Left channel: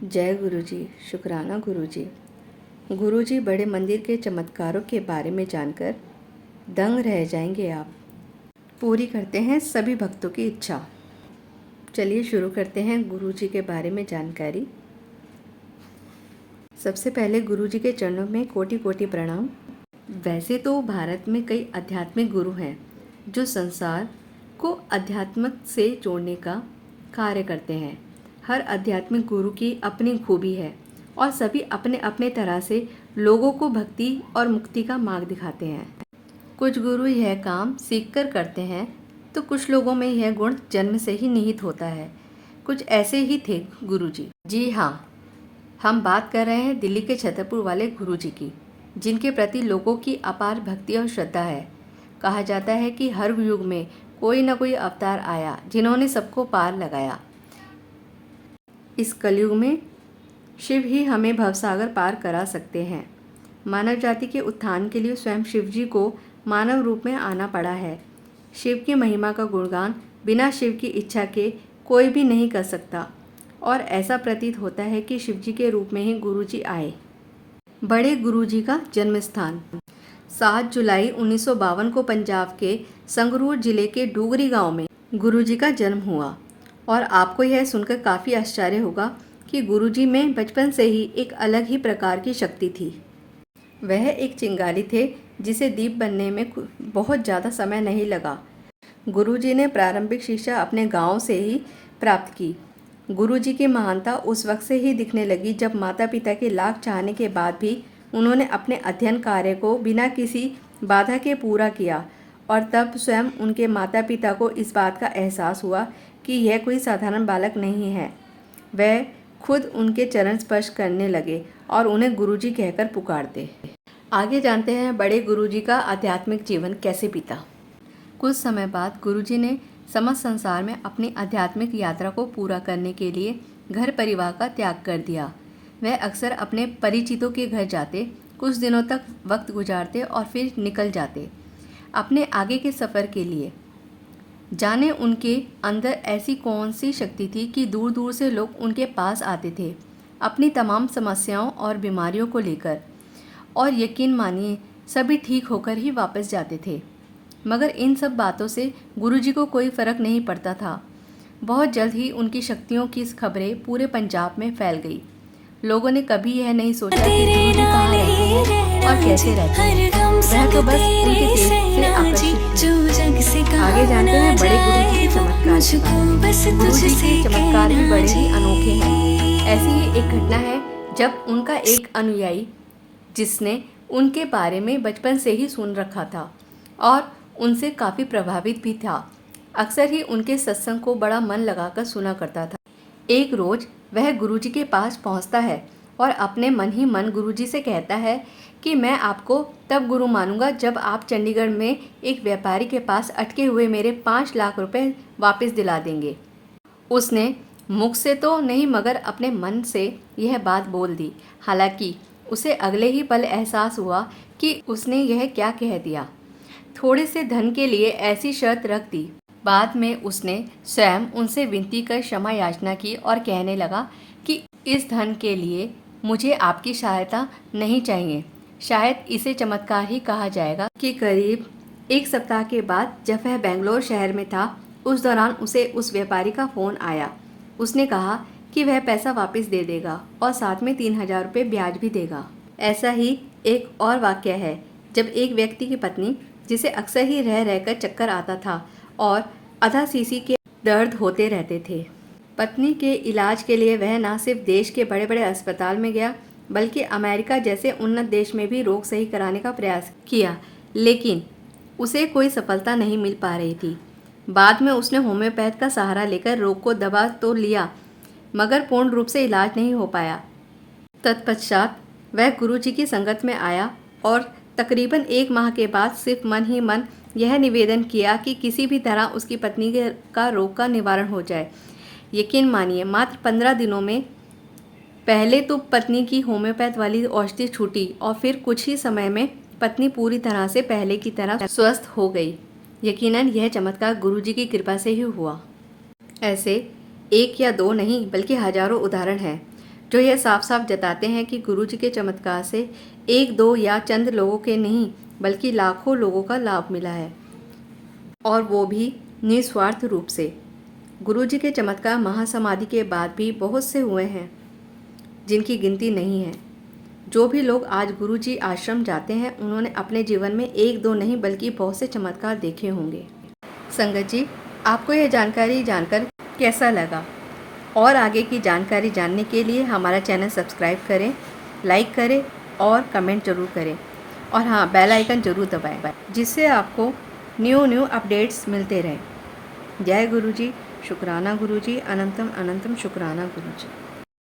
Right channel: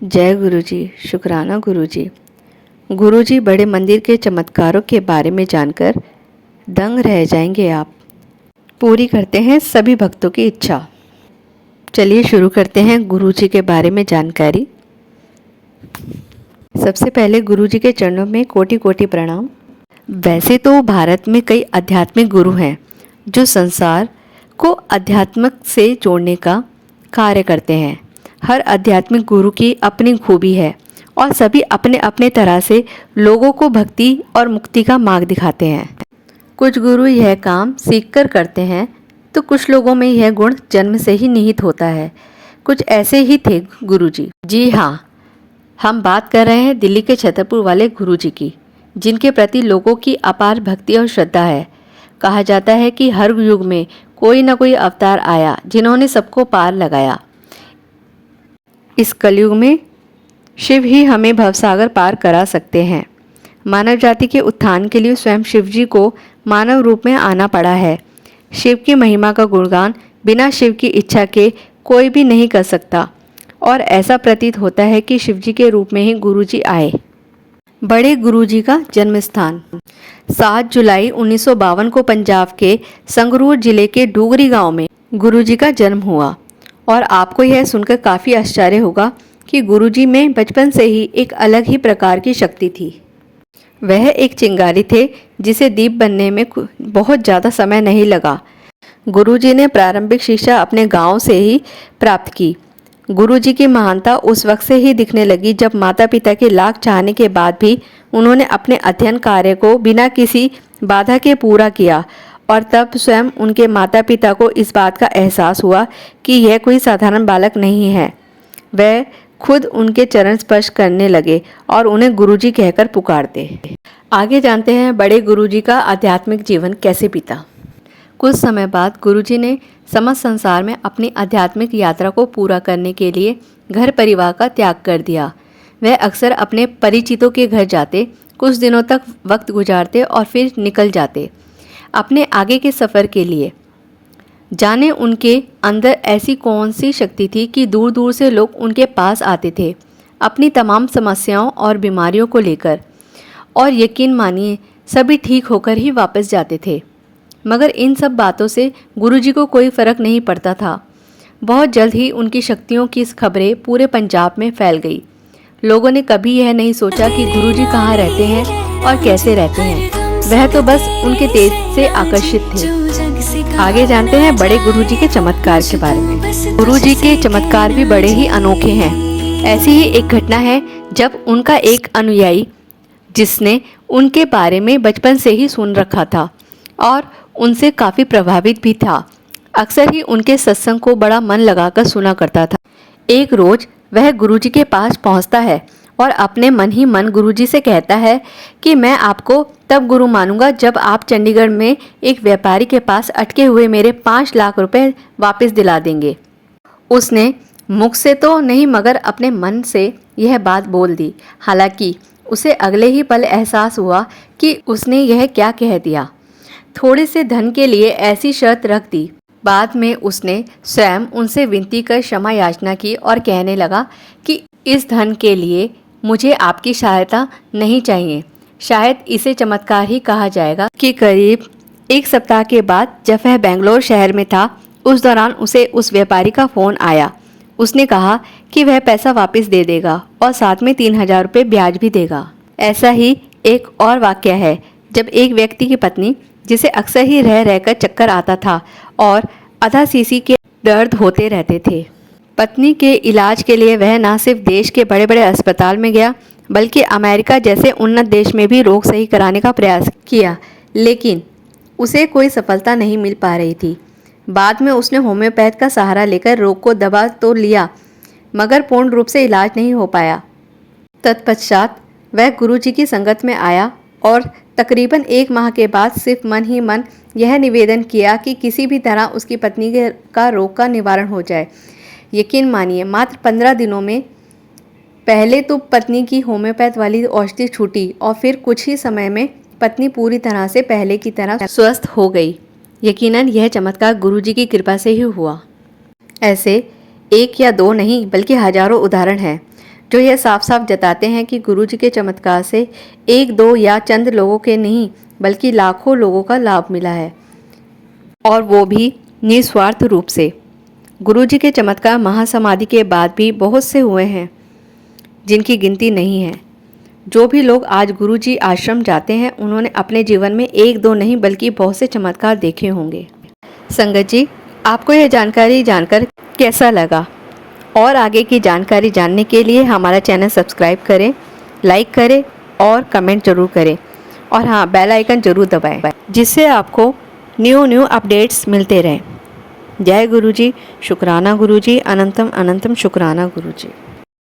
जय गुरु जी, शुक्राना गुरु जी। गुरु जी, बड़े मंदिर के चमत्कारों के बारे में जानकर दंग रह जाएंगे आप। पूरी करते हैं सभी भक्तों की इच्छा। चलिए शुरू करते हैं गुरु जी के बारे में जानकारी। सबसे पहले गुरु जी के चरणों में कोटि कोटि प्रणाम। वैसे तो भारत में कई आध्यात्मिक गुरु हैं जो संसार को अध्यात्म से जोड़ने का कार्य करते हैं। हर आध्यात्मिक गुरु की अपनी खूबी है और सभी अपने अपने तरह से लोगों को भक्ति और मुक्ति का मार्ग दिखाते हैं। कुछ गुरु यह काम सीखकर करते हैं तो कुछ लोगों में यह गुण जन्म से ही निहित होता है। कुछ ऐसे ही थे गुरु जी। जी हाँ, हम बात कर रहे हैं दिल्ली के छतरपुर वाले गुरु जी की, जिनके प्रति लोगों की अपार भक्ति और श्रद्धा है। कहा जाता है कि हर युग में कोई न कोई अवतार आया जिन्होंने सबको पार लगाया। इस कलयुग में शिव ही हमें भवसागर पार करा सकते हैं। मानव जाति के उत्थान के लिए स्वयं शिव जी को मानव रूप में आना पड़ा है। शिव की महिमा का गुणगान बिना शिव की इच्छा के कोई भी नहीं कर सकता और ऐसा प्रतीत होता है कि शिव जी के रूप में ही गुरु जी आए। बड़े गुरु जी का जन्म स्थान 7 जुलाई 1952 को पंजाब के संगरूर जिले के डूगरी गांव में गुरु जी का जन्म हुआ। और आपको यह सुनकर काफ़ी आश्चर्य होगा कि गुरु जी में बचपन से ही एक अलग ही प्रकार की शक्ति थी। वह एक चिंगारी थे जिसे दीप बनने में बहुत ज़्यादा समय नहीं लगा। गुरु जी ने प्रारंभिक शिक्षा अपने गांव से ही प्राप्त की। गुरु जी की महानता उस वक्त से ही दिखने लगी जब माता पिता के लाख चाहने के बाद भी उन्होंने अपने अध्ययन कार्य को बिना किसी बाधा के पूरा किया। और तब स्वयं उनके माता पिता को इस बात का एहसास हुआ कि यह कोई साधारण बालक नहीं है। वह खुद उनके चरण स्पर्श करने लगे और उन्हें गुरुजी कहकर पुकारते। आगे जानते हैं बड़े गुरुजी का आध्यात्मिक जीवन कैसे बीता। कुछ समय बाद गुरुजी ने समस्त संसार में अपनी आध्यात्मिक यात्रा को पूरा करने के लिए घर परिवार का त्याग कर दिया। वह अक्सर अपने परिचितों के घर जाते, कुछ दिनों तक वक्त गुजारते और फिर निकल जाते अपने आगे के सफ़र के लिए। जाने उनके अंदर ऐसी कौन सी शक्ति थी कि दूर दूर से लोग उनके पास आते थे अपनी तमाम समस्याओं और बीमारियों को लेकर, और यकीन मानिए सभी ठीक होकर ही वापस जाते थे। मगर इन सब बातों से गुरुजी को कोई फ़र्क नहीं पड़ता था। बहुत जल्द ही उनकी शक्तियों की खबरें पूरे पंजाब में फैल गई। लोगों ने कभी यह नहीं सोचा कि गुरुजी कहाँ रहते हैं और कैसे रहते हैं। वह तो बस उनके तेज से आकर्षित थे। आगे जानते हैं बड़े गुरुजी के चमत्कार के बारे में। गुरुजी के चमत्कार भी बड़े ही अनोखे हैं। ऐसी ही एक घटना है जब उनका एक अनुयायी, जिसने उनके बारे में बचपन से ही सुन रखा था और उनसे काफ़ी प्रभावित भी था, अक्सर ही उनके सत्संग को बड़ा मन लगाकर सुना करता था। एक रोज़ वह गुरुजी के पास पहुंचता है और अपने मन ही मन गुरुजी से कहता है कि मैं आपको तब गुरु मानूंगा जब आप चंडीगढ़ में एक व्यापारी के पास अटके हुए मेरे 5 लाख रुपए वापस दिला देंगे। उसने मुख से तो नहीं मगर अपने मन से यह बात बोल दी। हालांकि उसे अगले ही पल एहसास हुआ कि उसने यह क्या कह दिया। थोड़े से धन के लिए ऐसी शर्त रख दी। बाद में उसने स्वयं उनसे विनती कर क्षमा याचना की और कहने लगा कि इस धन के लिए मुझे आपकी सहायता नहीं चाहिए। शायद इसे चमत्कार ही कहा जाएगा कि करीब 1 सप्ताह के बाद जब वह बेंगलोर शहर में था, उस दौरान उसे उस व्यापारी का फ़ोन आया। उसने कहा कि वह पैसा वापस दे देगा और साथ में 3000 रुपये ब्याज भी देगा। ऐसा ही एक और वाक़या है जब एक व्यक्ति की पत्नी, जिसे अक्सर ही रह रहकर चक्कर आता था और आधा सीसी के दर्द होते रहते थे, पत्नी के इलाज के लिए वह न सिर्फ देश के बड़े बड़े अस्पताल में गया बल्कि अमेरिका जैसे उन्नत देश में भी रोग सही कराने का प्रयास किया, लेकिन उसे कोई सफलता नहीं मिल पा रही थी। बाद में उसने होम्योपैथ का सहारा लेकर रोग को दबा तो लिया मगर पूर्ण रूप से इलाज नहीं हो पाया। तत्पश्चात वह गुरुजी की संगत में आया और तकरीबन 1 माह के बाद सिर्फ मन ही मन यह निवेदन किया कि किसी भी तरह उसकी पत्नी का रोग का निवारण हो जाए। यकीन मानिए मात्र 15 दिनों में पहले तो पत्नी की होम्योपैथ वाली औषधि छूटी और फिर कुछ ही समय में पत्नी पूरी तरह से पहले की तरह स्वस्थ हो गई। यकीनन यह चमत्कार गुरुजी की कृपा से ही हुआ। ऐसे 1 या 2 नहीं बल्कि हजारों उदाहरण हैं जो यह साफ साफ जताते हैं कि गुरु जी के चमत्कार से एक दो या चंद लोगों के नहीं बल्कि लाखों लोगों का लाभ मिला है, और वो भी निस्वार्थ रूप से। गुरु जी के चमत्कार महासमाधि के बाद भी बहुत से हुए हैं जिनकी गिनती नहीं है। जो भी लोग आज गुरु जी आश्रम जाते हैं उन्होंने अपने जीवन में एक दो नहीं बल्कि बहुत से चमत्कार देखे होंगे। संगत जी, आपको यह जानकारी जानकर कैसा लगा? और आगे की जानकारी जानने के लिए हमारा चैनल सब्सक्राइब करें, लाइक करें और कमेंट जरूर करें, और हाँ, बेल आइकन जरूर दबाएं जिससे आपको न्यू अपडेट्स मिलते रहें। जय गुरु जी, शुक्राना गुरु जी, अनंतम अनंतम शुक्राना गुरु जी।